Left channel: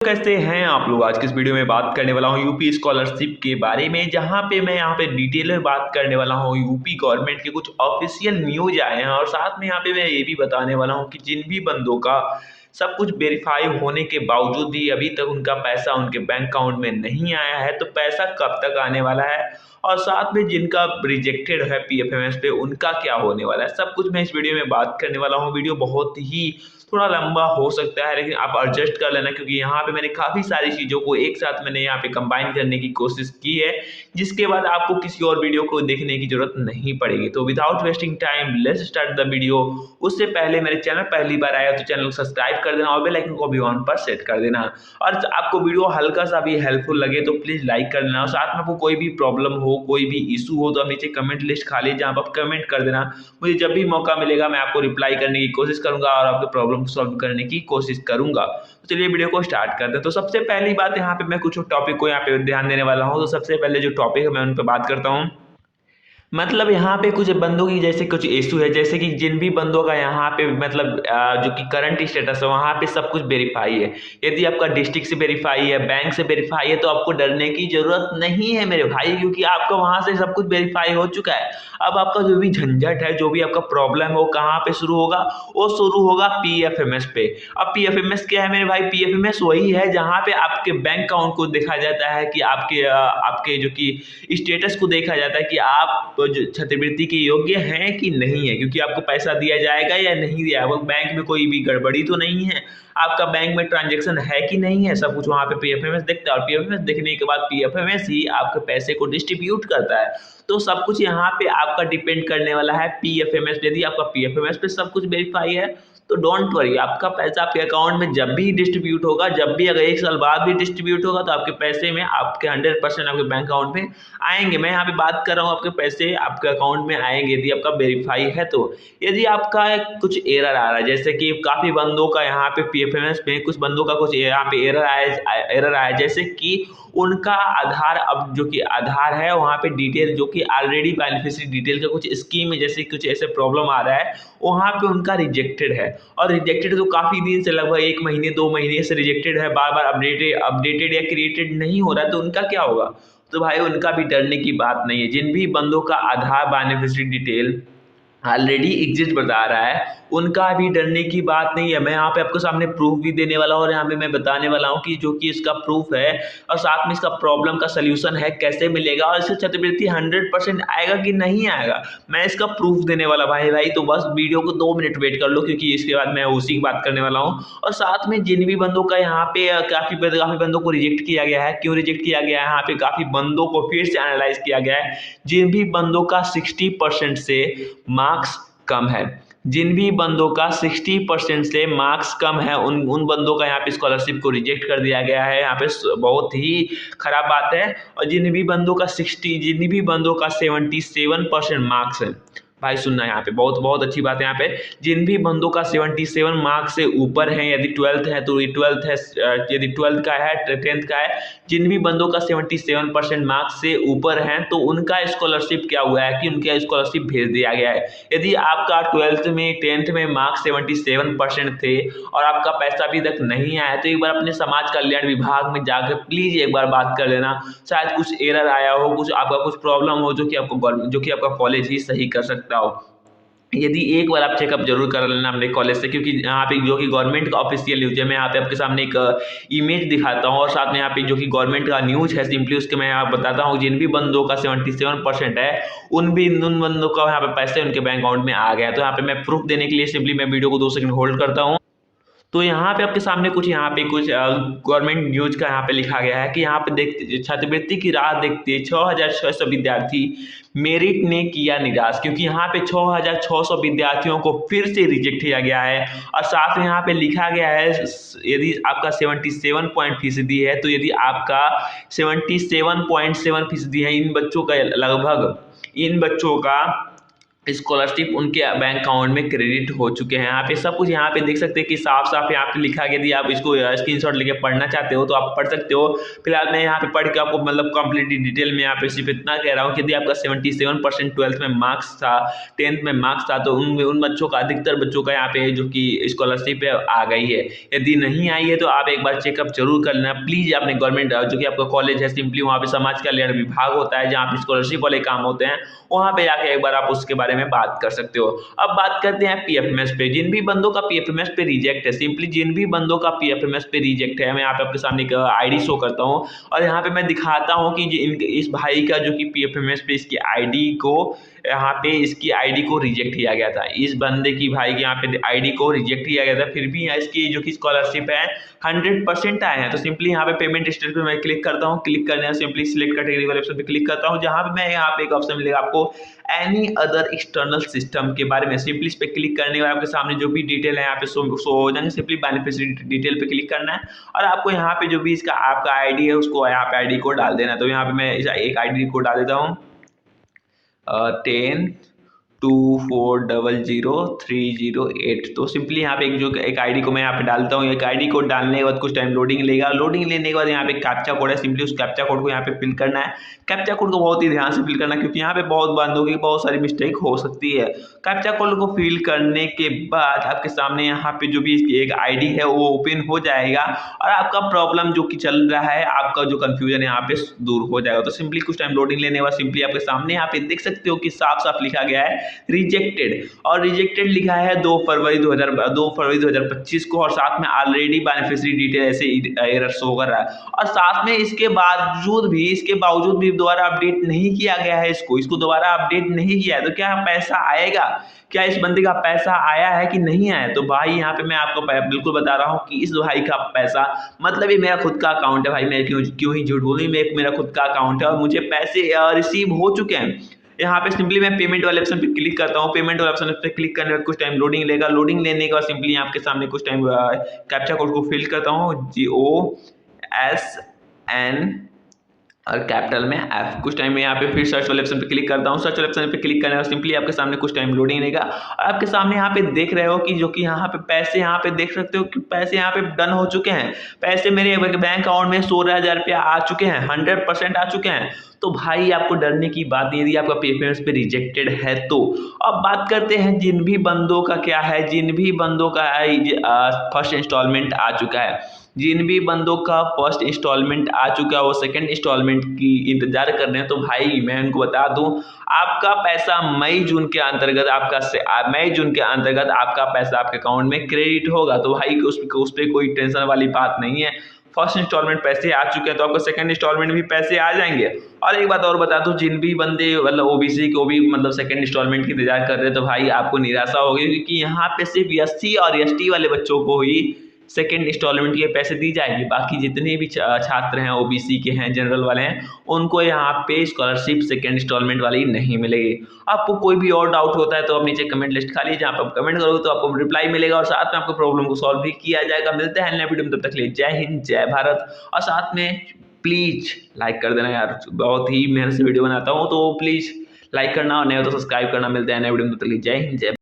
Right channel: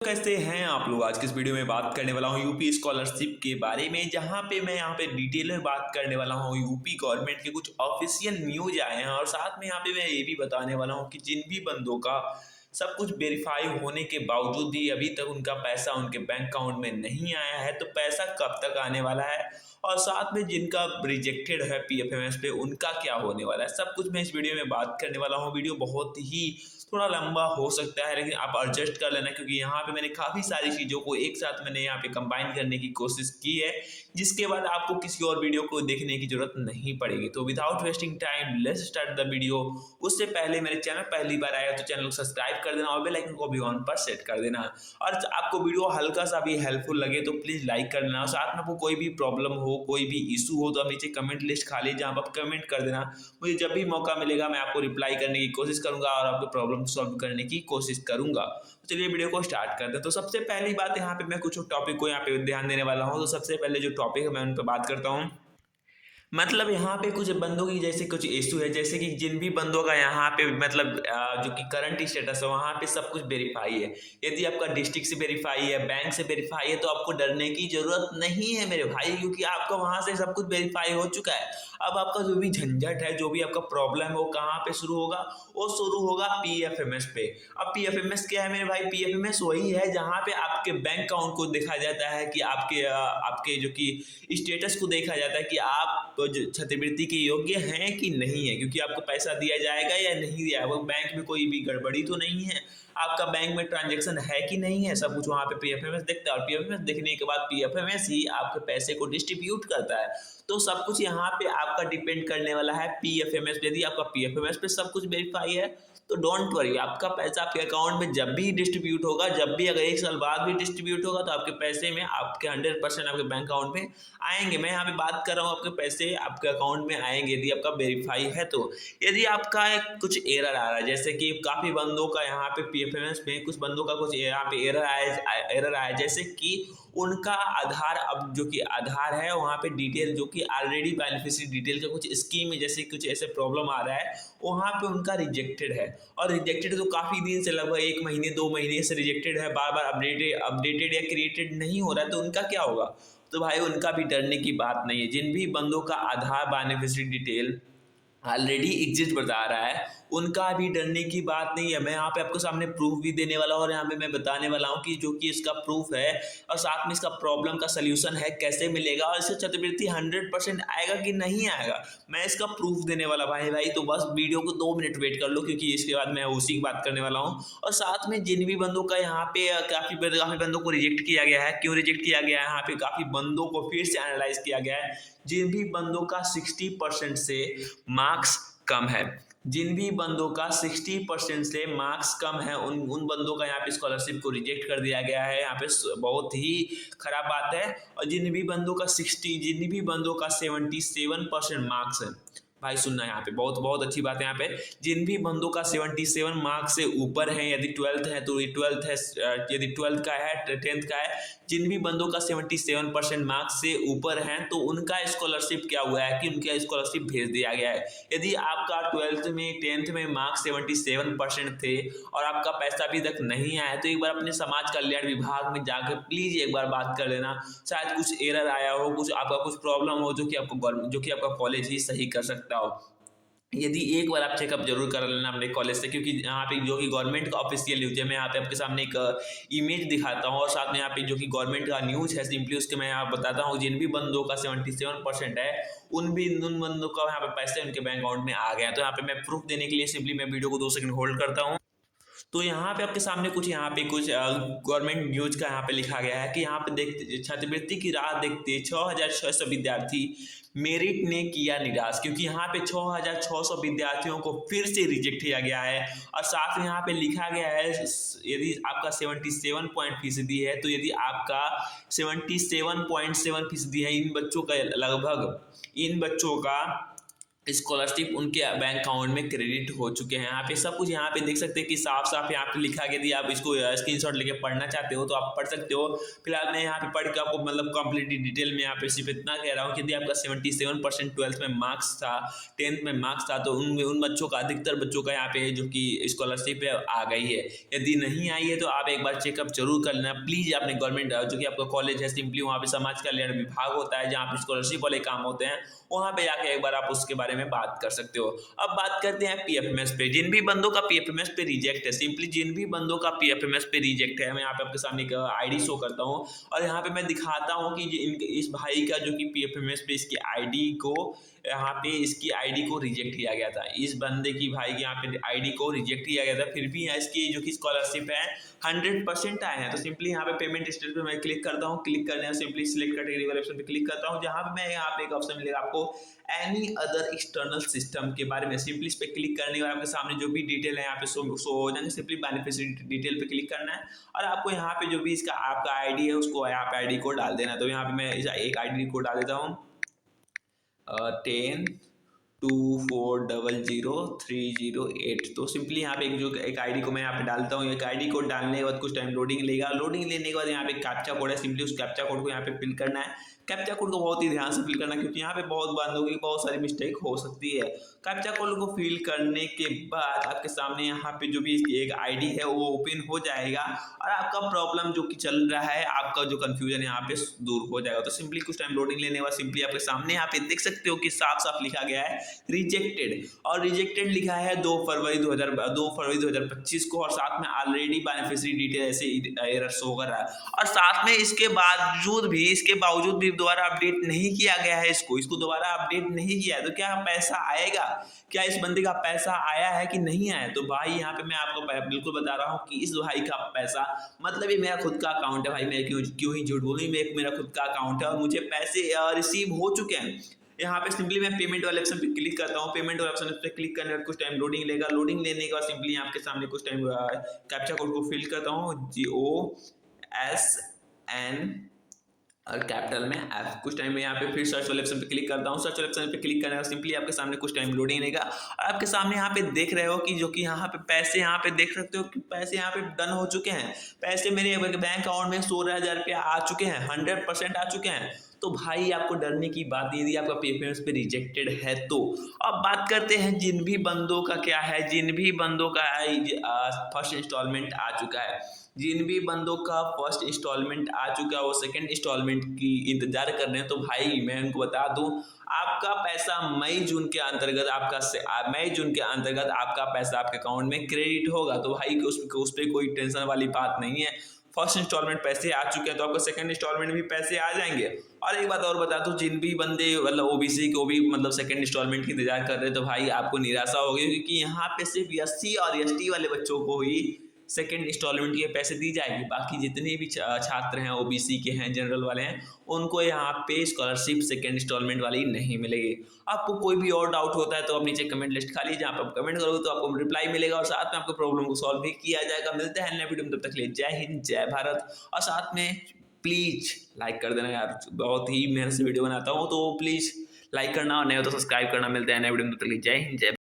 कैसे हैं आप लोग। आज की इस वीडियो में बात करने वाला हूं यूपी स्कॉलरशिप के बारे में, जहां पे मैं यहां पे डिटेल में बात करने वाला हूं यूपी गवर्नमेंट के कुछ ऑफिशियल न्यूज आए हैं और साथ में यहां पे मैं ये भी बताने वाला हूं कि जिन भी बंदों का सब कुछ वेरीफाई होने के बावजूद भी अभी तक उनका पैसा उनके बैंक अकाउंट में नहीं आया है, तो पैसा कब तक आने वाला है और साथ में जिनका रिजेक्टेड है पीएफएमएस पे उनका क्या होने वाला है, सब कुछ मैं इस वीडियो में बात करने वाला हूँ। वीडियो बहुत ही थोड़ा लंबा हो सकता है, लेकिन आप एडजस्ट कर लेना क्योंकि यहाँ पे मैंने काफ़ी सारी चीज़ों को एक साथ मैंने यहाँ पे कंबाइन करने की कोशिश की है, जिसके बाद आपको किसी और वीडियो को देखने की जरूरत नहीं पड़ेगी। तो without wasting time let's start the video. उससे पहले मेरे चैनल पहली बार आया तो चैनल को सब्सक्राइब कर देना और बेल आइकन को भी ऑन पर सेट कर देना। और आपको वीडियो हल्का सा भी हेल्पफुल लगे तो प्लीज़ लाइक कर देना और साथ में आपको कोई भी प्रॉब्लम हो, कोई भी इशू हो तो आप नीचे कमेंट लिस्ट खाली जहाँ आप कमेंट कर देना। मुझे जब भी मौका मिलेगा मैं आपको रिप्लाई करने की कोशिश करूंगा और आपके प्रॉब्लम सॉल्व करने की कोशिश करूंगा। तो चलिए वीडियो को स्टार्ट करते हैं। तो सबसे पहली बात यहाँ पे मैं कुछ टॉपिक को यहाँ पे ध्यान देने वाला हूँ। तो सबसे पहले जो टॉपिक है मैं उन पर बात करता हूँ। मतलब यहाँ पे कुछ बंदों की जैसे कुछ इशू है, जैसे कि जिन भी बंदों का यहाँ पे मतलब जो कि करंट स्टेटस है वहाँ पे सब कुछ वेरीफाई है। यदि आपका डिस्ट्रिक्ट से वेरीफाई है, बैंक से वेरीफाई है, तो आपको डरने की जरूरत नहीं है मेरे भाई, क्योंकि आपका वहाँ से सब कुछ वेरीफाई हो चुका है। अब आपका जो भी झंझट है, जो भी आपका प्रॉब्लम है, वो कहाँ पे शुरू होगा? वो शुरू होगा पीएफएमएस पे। अब पीएफएमएस क्या है मेरे भाई? पीएफएमएस वही है जहाँ पे आपके बैंक अकाउंट को देखा जाता है कि आपके जो कि स्टेटस को देखा जाता है कि आप जो छात्रवृत्ति के योग्य हैं कि नहीं है, क्योंकि आपको पैसा दिया जाएगा या नहीं दिया जाएगा। बैंक में कोई भी गड़बड़ी तो नहीं है, आपका बैंक में ट्रांजैक्शन है कि नहीं है, सब कुछ वहाँ पे पीएफएमएस देखता है और पीएफएमएस देखने के बाद पीएफएमएस ही आपके पैसे को डिस्ट्रीब्यूट करता है। तो सब कुछ यहाँ पे आपका डिपेंड करने वाला है पीएफएमएस। यदि आपका पीएफएमएस पे सब कुछ वेरीफाई है तो डोंट वरी, आपका पैसा आपके अकाउंट में जब भी डिस्ट्रीब्यूट होगा, जब भी अगर 1 साल बाद भी डिस्ट्रीब्यूट होगा, तो आपके पैसे में आपके 100% आपके बैंक अकाउंट में आएंगे। मैं यहाँ पे बात कर रहा हूँ आपके पैसे आपके अकाउंट में आएंगे यदि आपका वेरीफाई है। तो यदि आपका कुछ एरर आ रहा है, जैसे कि काफ़ी बंदों का यहाँ पे पीएफएमएस में कुछ बंदों का कुछ यहाँ पे एरर आया, जैसे कि उनका आधार, अब जो कि आधार है वहाँ पे डिटेल जो कि ऑलरेडी बेनिफिशियरी डिटेल का कुछ स्कीम में जैसे कुछ ऐसे प्रॉब्लम आ रहा है, वहाँ पे उनका रिजेक्टेड है। और रिजेक्टेड तो काफ़ी दिन से, लगभग 1 महीने 2 महीने से रिजेक्टेड है, बार बार अपडेटेड या क्रिएटेड नहीं हो रहा है, तो उनका क्या होगा? तो भाई उनका भी डरने की बात नहीं है। जिन भी बंदों का आधार बेनिफिशियरी डिटेल ऑलरेडी एग्जिस्ट बता रहा है, उनका भी डरने की बात नहीं है। मैं यहाँ पे आपको सामने प्रूफ भी देने वाला हूँ और यहाँ पे मैं बताने वाला हूँ कि जो कि इसका प्रूफ है और साथ में इसका प्रॉब्लम का सलूशन है, कैसे मिलेगा और इससे छात्रवृत्ति 100% आएगा कि नहीं आएगा, मैं इसका प्रूफ देने वाला भाई। तो बस वीडियो को 2 मिनट वेट कर लो, क्योंकि इसके बाद मैं उसी की बात करने वाला हूँ। और साथ में जिन भी बंदों का यहाँ पे काफ़ी बंदों को रिजेक्ट किया गया है, क्यों रिजेक्ट किया गया है, यहाँ पे काफ़ी बंदों को फिर से एनालाइज किया गया है। जिन भी बंदों का 60% से मार्क्स कम है, जिन भी बंदों का 60% से मार्क्स कम है, उन बंदों का यहाँ पे स्कॉलरशिप को रिजेक्ट कर दिया गया है। यहाँ पे बहुत ही खराब बात है। और जिन भी बंदों का 77% मार्क्स है, भाई सुनना यहाँ पे बहुत बहुत अच्छी बात है। यहाँ पे जिन भी बंदों का 77 मार्क्स से ऊपर है, यदि 12th है तो 12th है, यदि 12th का है 10th का है, जिन भी बंदों का 77% मार्क्स से ऊपर है तो उनका स्कॉलरशिप क्या हुआ है कि उनका स्कॉलरशिप भेज दिया गया है। यदि आपका 12th में 10th में मार्क्स 77% थे और आपका पैसा अभी तक नहीं आया, तो एक बार अपने समाज कल्याण विभाग में जाकर प्लीज एक बार बात कर लेना। शायद कुछ एरर आया हो, कुछ आपका कुछ प्रॉब्लम हो, जो कि आपका कॉलेज ही सही कर सकता हो। यदि एक बार आप चेकअप जरूर कर लेना अपने कॉलेज से, क्योंकि यहाँ पे जो कि गवर्नमेंट का ऑफिशियल न्यूज है, मैं यहाँ पे आपके सामने एक इमेज दिखाता हूँ और साथ में यहाँ पे जो कि गवर्नमेंट का न्यूज है सिंपली उसके मैं यहाँ बताता हूँ। जिन भी बंदों का 77% है उन बंदों का यहाँ पे पैसे उनके बैंक अकाउंट में आ गया। तो यहाँ पे मैं प्रूफ देने के लिए सिंपली मैं वीडियो को 2 सेकंड होल्ड करता हूँ। तो यहाँ पे आपके सामने कुछ गवर्नमेंट न्यूज का यहाँ पे लिखा गया है कि यहाँ पे देख छात्रवृत्ति की राह देखते 6600 विद्यार्थी मेरिट ने किया निराश, क्योंकि यहाँ पे 6600 विद्यार्थियों को फिर से रिजेक्ट किया गया है। और साथ में यहाँ पे लिखा गया है यदि आपका 77% है, तो यदि आपका 77.7% है, इन बच्चों का स्कॉलरशिप उनके बैंक अकाउंट में क्रेडिट हो चुके हैं। यहाँ पे सब कुछ यहाँ पे देख सकते हैं कि साफ साफ यहाँ पे लिखा गया। यदि आप इसको स्क्रीनशॉट लेके पढ़ना चाहते हो तो आप पढ़ सकते हो। फिलहाल मैं यहाँ पे पढ़ के आपको मतलब कंप्लीट डिटेल में यहाँ पे सिर्फ इतना कह रहा हूँ कि यदि आपका 77% ट्वेल्थ में मार्क्स था, 10th में मार्क्स था, तो उन बच्चों का, अधिकतर बच्चों का यहाँ पे जो कि स्कॉलरशिप आ गई है। यदि नहीं आई है तो आप एक बार चेकअप जरूर कर लेना प्लीज अपने गवर्नमेंट जो कि आपका कॉलेज है, सिंपली वहाँ पे समाज कल्याण विभाग होता है जहाँ पे स्कॉलरशिप वाले काम होते हैं, वहाँ पे जाके एक बार आप उसके बारे में बात कर सकते हो। अब बात करते हैं पीएफएमएस पे। जिन भी बंदों का पीएफएमएस पे रिजेक्ट है, सिंपली जिन भी बंदों का पीएफएमएस पे रिजेक्ट है, मैं यहाँ पे आपके सामने एक आईडी शो करता हूँ और यहाँ पे मैं दिखाता हूँ कि इस भाई का जो कि पीएफएमएस पे इसकी आईडी को, यहाँ पे इसकी आईडी को रिजेक्ट किया गया था। इस बंदे की भाई के यहाँ पे आईडी को रिजेक्ट किया गया था, फिर भी यहाँ इसकी जो कि स्कॉलरशिप है 100% आए हैं। तो सिंपली यहाँ पे पेमेंट स्टेटस पे मैं क्लिक करता हूँ, क्लिक करने सिंपली सिलेक्ट कैटेगरी वाले ऑप्शन पे क्लिक करता हूँ, जहाँ पे मैं यहाँ पे एक ऑप्शन मिलेगा आपको एनी अदर एक्सटर्नल सिस्टम के बारे में। सिंपली इस पे क्लिक करने के बाद आपके सामने जो भी डिटेल है यहाँ पे शो हो जाएंगे। सिंपली बेनिफिशियरी डिटेल पे क्लिक करना है और आपको यहाँ पे जो भी इसका आपका आईडी है उसको यहाँ पे आईडी कोड डाल देना है। तो यहाँ पे मैं एक आईडी कोड डाल देता हूँ 1024003008। तो सिंपली यहाँ पे एक आईडी को मैं यहाँ पे डालता हूँ। एक आईडी कोड डालने के बाद कुछ टाइम लोडिंग लेगा। लोडिंग लेने के बाद यहाँ पे कैप्चा कोड है, सिंपली उस कैप्चा कोड को यहाँ पे फिल करना है। कैप्चा कोड को बहुत ही ध्यान से फिल करना है क्योंकि यहाँ पे बहुत बंदों की बहुत सारी मिस्टेक हो सकती है। कैप्चा कोड को फिल करने के बाद आपके सामने यहाँ पे जो भी एक आईडी है वो ओपन हो जाएगा और आपका प्रॉब्लम जो कि चल रहा है, आपका जो कंफ्यूजन है यहाँ पे दूर हो जाएगा। तो सिंपली कुछ टाइम लोडिंग लेने के बाद सिंपली आपके सामने यहाँ पे देख सकते हो कि साफ साफ लिखा गया है रिजेक्टेड, और रिजेक्टेड लिखा है 2 फरवरी 2025 को, और साथ में ऑलरेडी बेनिफिशियरी डिटेल ऐसे एरर शो कर रहा है। और साथ में इसके बावजूद भी दोबारा अपडेट नहीं किया गया है, इसको दोबारा अपडेट नहीं किया है। तो क्या पैसा आएगा? क्या इस बंदे का पैसा आया है कि नहीं आया? तो भाई यहाँ पे मैं आपको बिल्कुल बता रहा हूँ कि इस भाई का पैसा, मतलब ये मेरा खुद का अकाउंट है भाई, मैं क्यों ही झूठ बोलूँ, मेरा खुद का अकाउंट है और मुझे पैसे रिसीव हो चुके हैं। यहाँ पे सिंपली मैं पेमेंट वाले ऑप्शन पे क्लिक करता हूँ। पेमेंट वाले ऑप्शन पे क्लिक करने के बाद कुछ टाइम लोडिंग लेगा। लोडिंग लेने के बाद सिंपली आपके सामने कुछ टाइम कैप्चा कोड को फिल करता हूँ, GOSN और कैपिटल में F। कुछ टाइम में यहाँ पे फिर सर्च वाले ऑप्शन पे क्लिक करता हूँ। सर्च वाले ऑप्शन पे क्लिक करने का सिंपली आपके सामने कुछ टाइम लोडिंग लेगा और आपके सामने यहाँ पे देख रहे हो कि जो कि यहाँ पे पैसे, यहाँ पे देख सकते हो कि पैसे यहाँ पे डन हो चुके हैं। पैसे मेरे बैंक अकाउंट में 16,000 रुपया आ चुके हैं, 100% आ चुके हैं। तो भाई आपको डरने की बात नहीं, यदि आपका पेमेंट्स पे रिजेक्टेड है तो। अब बात करते हैं जिन भी बंदों का क्या है, जिन भी बंदों का फर्स्ट इंस्टॉलमेंट आ चुका है, जिन भी बंदों का फर्स्ट इंस्टॉलमेंट आ चुका है वो सेकंड इंस्टॉलमेंट की इंतजार कर रहे हैं। तो भाई मैं उनको बता दूं, आपका पैसा मई जून के अंतर्गत आपका पैसा आपके अकाउंट में क्रेडिट होगा। तो भाई उस पर कोई टेंशन वाली बात नहीं है। फर्स्ट इंस्टॉलमेंट पैसे आ चुके हैं तो आपको सेकंड इंस्टॉलमेंट भी पैसे आ जाएंगे। और एक बात और बता दूं, जिन भी बंदे मतलब ओबीसी को भी मतलब सेकंड इंस्टॉलमेंट की इंतजार कर रहे हैं तो भाई आपको निराशा होगी, क्योंकि यहाँ पे सिर्फ एससी और एसटी वाले बच्चों को ही सेकेंड इंस्टॉलमेंट के पैसे दी जाएगी। बाकी जितने भी छात्र हैं ओबीसी के हैं, जनरल वाले हैं, उनको यहाँ पे स्कॉलरशिप सेकेंड इंस्टॉलमेंट वाली नहीं मिलेगी। आपको कोई भी और डाउट होता है तो आप नीचे कमेंट लिस्ट खाली, जहाँ पर आप कमेंट करोगे तो आपको रिप्लाई मिलेगा और साथ में आपको प्रॉब्लम को सॉल्व भी किया जाएगा। मिलते हैं नए वीडियो में, तब तक के लिए जय हिंद जय भारत। और साथ में प्लीज लाइक कर देना यार, बहुत ही मेहनत से वीडियो बनाता हूँ तो प्लीज लाइक करना और नहीं तो सब्सक्राइब करना। मिलते हैं नए वीडियो में, तब तक के लिए जय हिंद जय।